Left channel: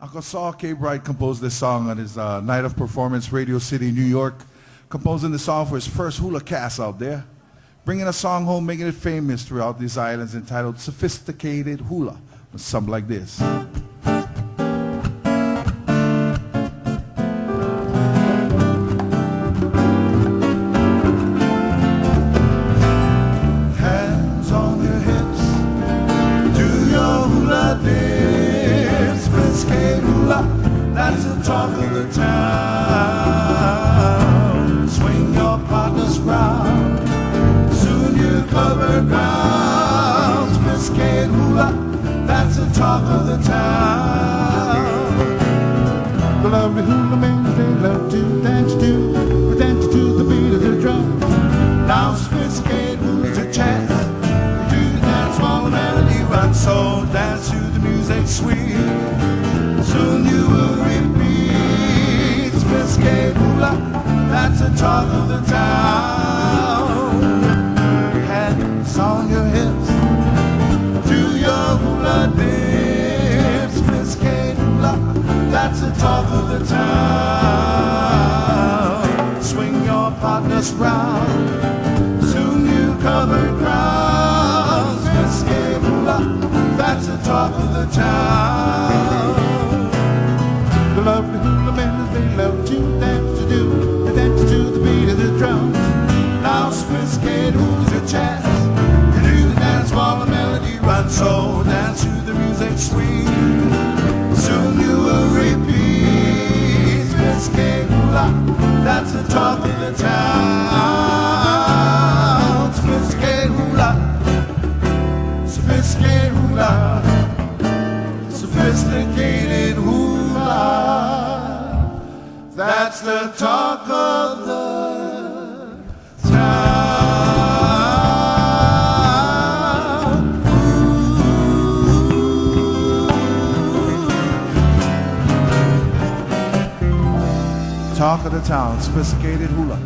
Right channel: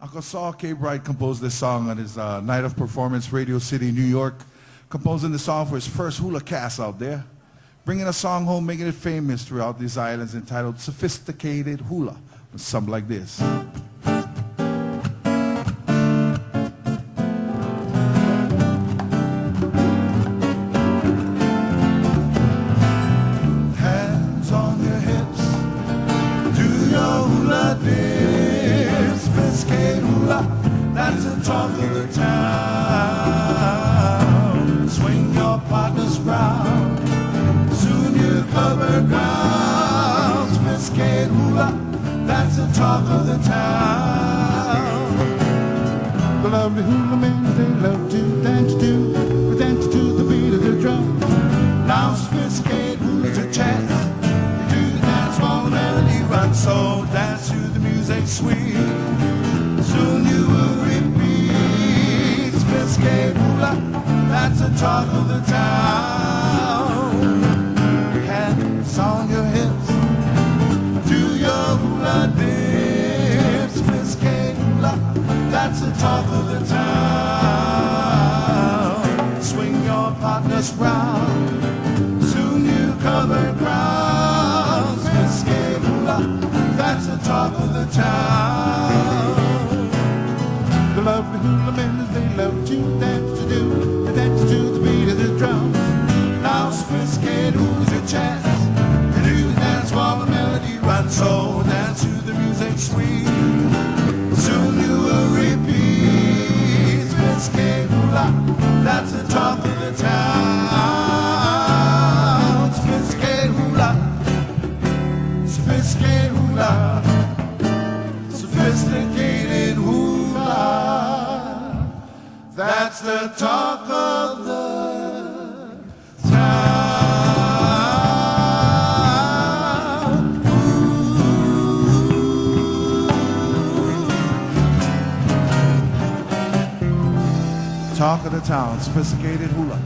Uncle Saul K. Bright composed this song on his night of performance, Radio City, New York, composing the song for his first hula cast out there, bringing a song home, making it famous throughout these islands, entitled Sophisticated Hula, with something like this. Hands on your hips, do your hula dip, sophisticated hula, that's the talk of the town. Swing your partners round, soon you cover ground. Sophisticated hula, that's the talk of the town. The lovely hula men, they love to dance to the beat of the drum. Now sophisticated hula's a chance, you do the dance while the melody runs. So dance to the music sweet, soon you will repeat. Sophisticated hula, that's the talk of the town. Hands on your hips, do your hula dip. Sophisticated hula, that's the talk of the town. Swing your partners round, soon you cover ground. Sophisticated hula, that's the talk of the town. The lovely hula men, they love to dance to the beat of the drum. Now sophisticated hula's your chance, you do the dance while the melody runs. So dance to the music sweet, soon you will repeat. Sophisticated hula, that's the talk of the town. Sophisticated hula, sophisticated hula, sophisticated hula, that's the talk of the town. Talk of the town, sophisticated hula.